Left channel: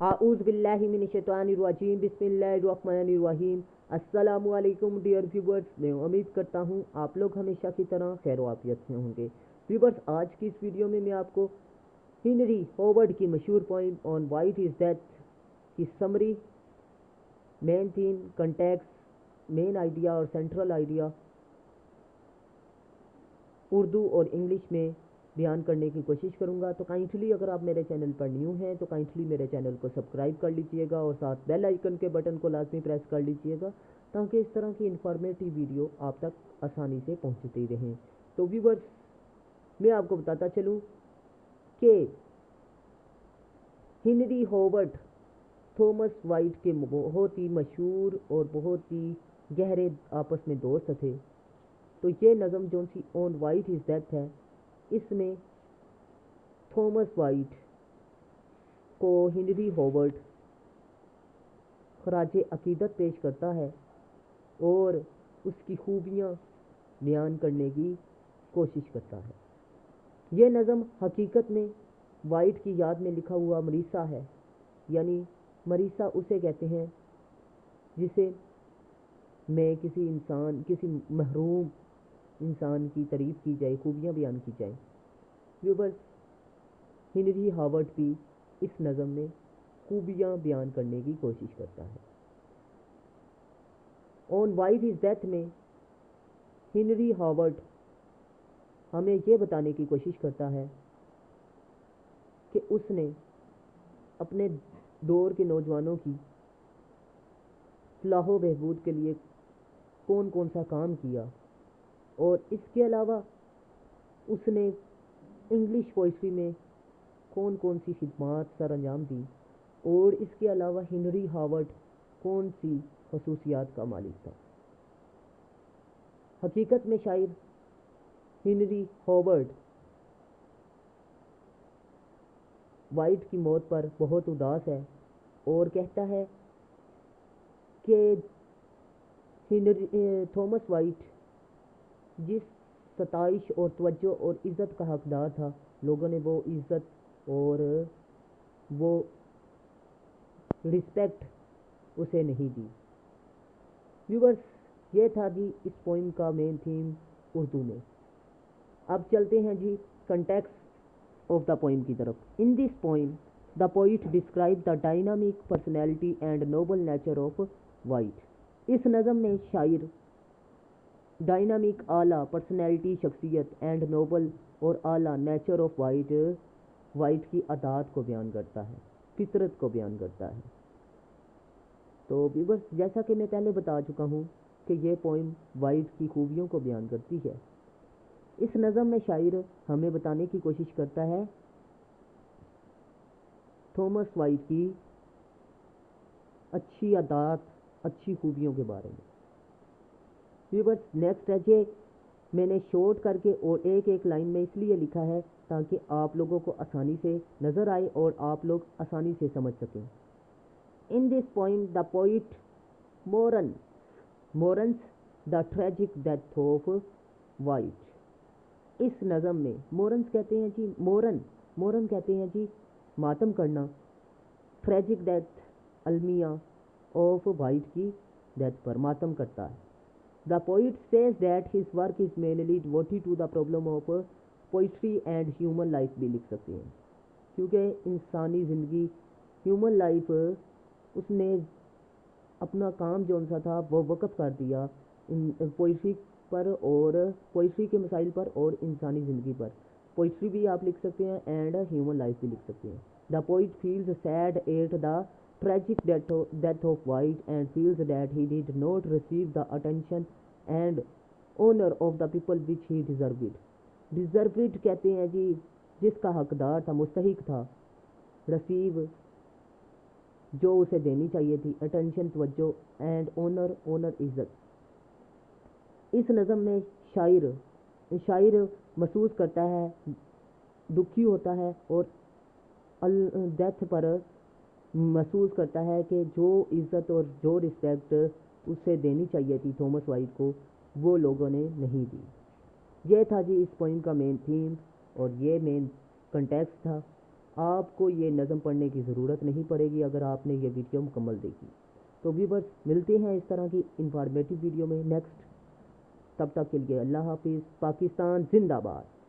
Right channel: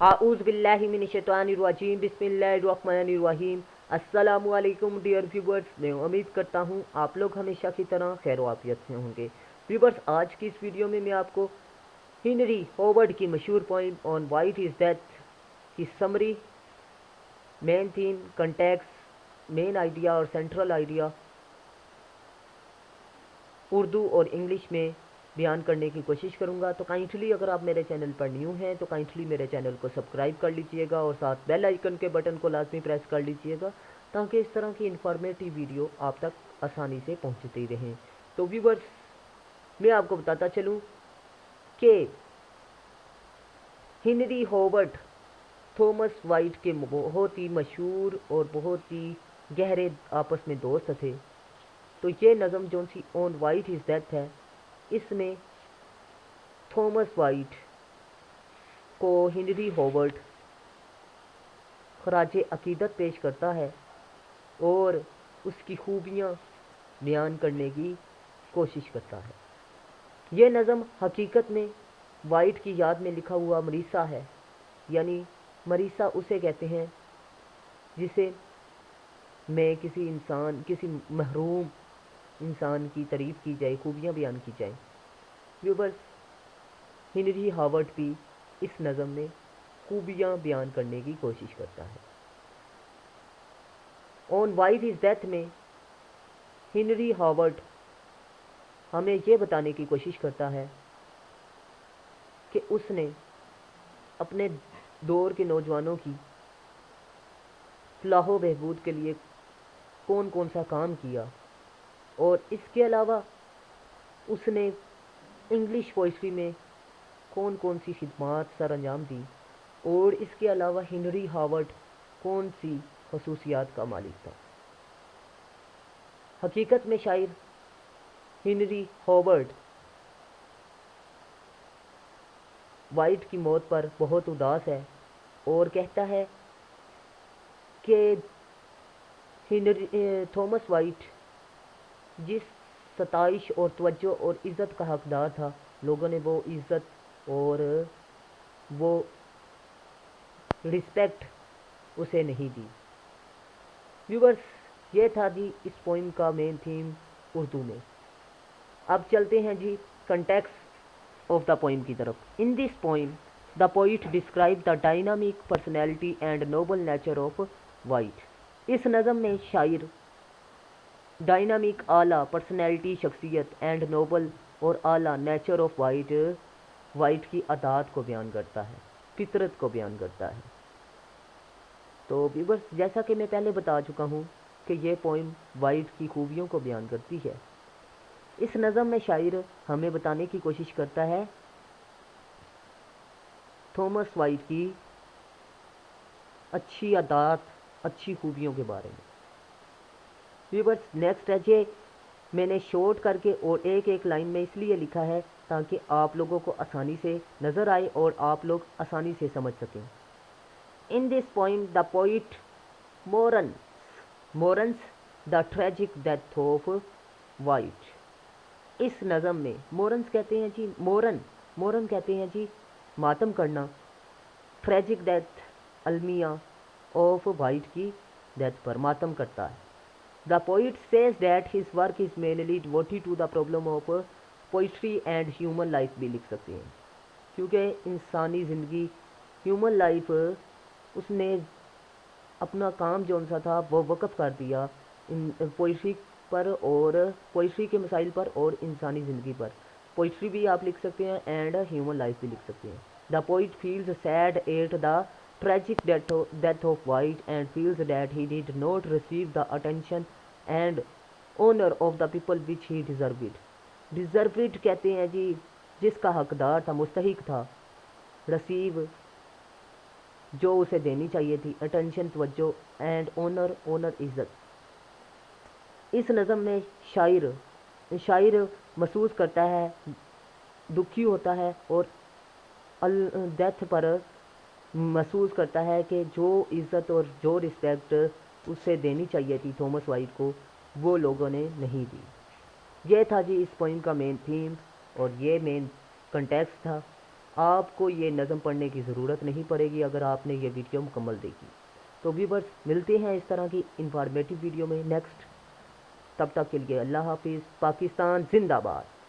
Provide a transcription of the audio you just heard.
आऊज़ बिल्लाहि मिनश्शैतानिर्रजीम बिस्मिल्लाहिर्रहमानिर्रहीम। अस्सलामुअलैकुम डियर व्यूवर्स, मैं उम्मीद करता हूँ आप लोग हमेशा की तरह खैर वाफियत से होंगे। व्यूवर्स, आज की इस वीडियो में मैं आपको हेनरी होवर्ड की मशहूर poem on Wyatt is death की summary, main theme, context, main idea और सेंट्रल आइडिया उर्दू और इंग्लिश में बयान करने की कोशिश करूंगा। तो काइंडली अगर आप मेरे चैनल पर न्यू हैं तो काइंडली मेरे चैनल को सब्सक्राइब कर लीजिएगा और साथ बेल आइकन के बटन को लाजमी प्रेस कर लीजिएगा ताकि इस तरह की इन्फॉर्मेटिव वीडियो आप तक आसानी से पहुंचती रहें। तो व्यूवर्स, मैं आपको बताता चलूं कि हेनरी होवर्ड थॉमस वाइट के बहुत ही मशहूर और बहुत ही गहरे आपस में दोस्त थे। तो ये नज़म जो सी ऑन वाइट इज़ डेथ है, इसमें थॉमस वाइट को हेनरी होवर्ड खराज अकीदत पेश करता है और उसकी खूबियाँ बयान करने की कोशिश करता है। यह नज़म हकीकत में वाइट की याद में लिखा हुआ मरीसा है, यानी मरीसा उसे कहते हैं जिसे में किसी महरूम इंसान की तारीफ़ की जाए, खूबियाँ बयान की जाए। व्यूवर्स, हेनरी होवर्ड भी इस नज़म में खूबियाँ बयान करने की कोशिश करता है। ऑन वाइट इज़ डेथ में हेनरी होवर्ड हमें ये बताने की कोशिश करता है कि उसने अपने दौर के नौजवानों की फलाह बहबूद के लिए कौन कौन सा काम किया और इसके अलावा उसने इंग्लिश पोइट्री में कौन कौन सी खिदमात सर अंजाम दी और इसके अलावा हेनरी होवर्ड कौन सी खसूसियात का मालिक था। हकीकत में शायर हेनरी होवर्ड वाइट की मौत पर बहुत उदास है और कहता है कि थॉमस वाइट जिस सताइश और तवज्जो और इज़्ज़त का हकदार था, लोगों ने वो इज़्ज़त और वो रिस्पेक्ट उसे नहीं दी। व्यूवर्स, ये था जी इस पोइम का मेन थीम उर्दू में। अब चलते हैं जी कंटेक्स्ट ऑफ द पोइम की तरफ। इन this poem the poet describe the dynamic personality and Nobel nature of Wyatt. इस नज़म में शायर डायनामिक आला पर्सनैलिटी, शख्सियत एंड नोबल और आला नेचर ऑफ वाइट की अदात को बयान करता है, फितरत को बयान करता है। तो व्यूवर्स, जैसा कि मैं पहले बता चुका हूँ कि ये पोइम वाइट की खूबियों को बयान करती है। इस नज़म में शायर हमें बताने की कोशिश करता है थॉमस वाइट की अच्छी अदात, अच्छी खूबियों के बारे में। व्यूवर्स, नेक्स्ट है जे मैंने शॉर्ट करके और एक एक लाइन में इसलिए लिखा है ताकि आप लोगों को आसानी से नज़र आए और आप लोग आसानी से समझ सकें। In this poem the poet mourns the tragic death of Wyatt. इस नज़म में मोरन्स कहते हैं जी मोरन कहते हैं जी मातम करना, ट्रेजिक डेथ अलमिया ऑफ वाइट की डेथ पर मातम करता है। The poet says that his work is mainly devoted to the problem of poetry and human life भी लिख सकते हैं, क्योंकि इंसानी ज़िंदगी, ह्यूमन लाइफ, उसने अपना काम जो सा था वो वक़्फ़ कर दिया पोइट्री पर और पोइट्री के मसाइल पर और इंसानी ज़िंदगी पर। पोइट्री भी आप लिख सकते हैं एंड ह्यूमन लाइफ भी लिख सकते हैं। The poet feels sad at the tragic death of White and feels that he did not receive the attention and honor of the people which he deserved. Deserved कहते हैं जी जिसका हकदार था, मुस्तहिक था, receive जो उसे देनी चाहिए थी, attention तवज्जो and honor इज्जत। इस नज़म में शायर महसूस करता है, दुखी होता है और डेथ पर महसूस करता है कि जो इज़्ज़त और जो रिस्पेक्ट उसे देनी चाहिए थी थॉमस वाइट को, वो लोगों ने नहीं दी। ये था जी इस पोइम का मेन थीम और ये मेन कंटेक्स्ट था। آپ کو یہ نظم پڑھنے کی ضرورت نہیں پڑے گی اگر آپ نے یہ ویڈیو مکمل دیکھی. تو ویورز ملتے ہیں اس طرح کی انفارمیٹیو ویڈیو میں نیکسٹ. تب تک کے لیے اللہ حافظ. پاکستان زندہ باد.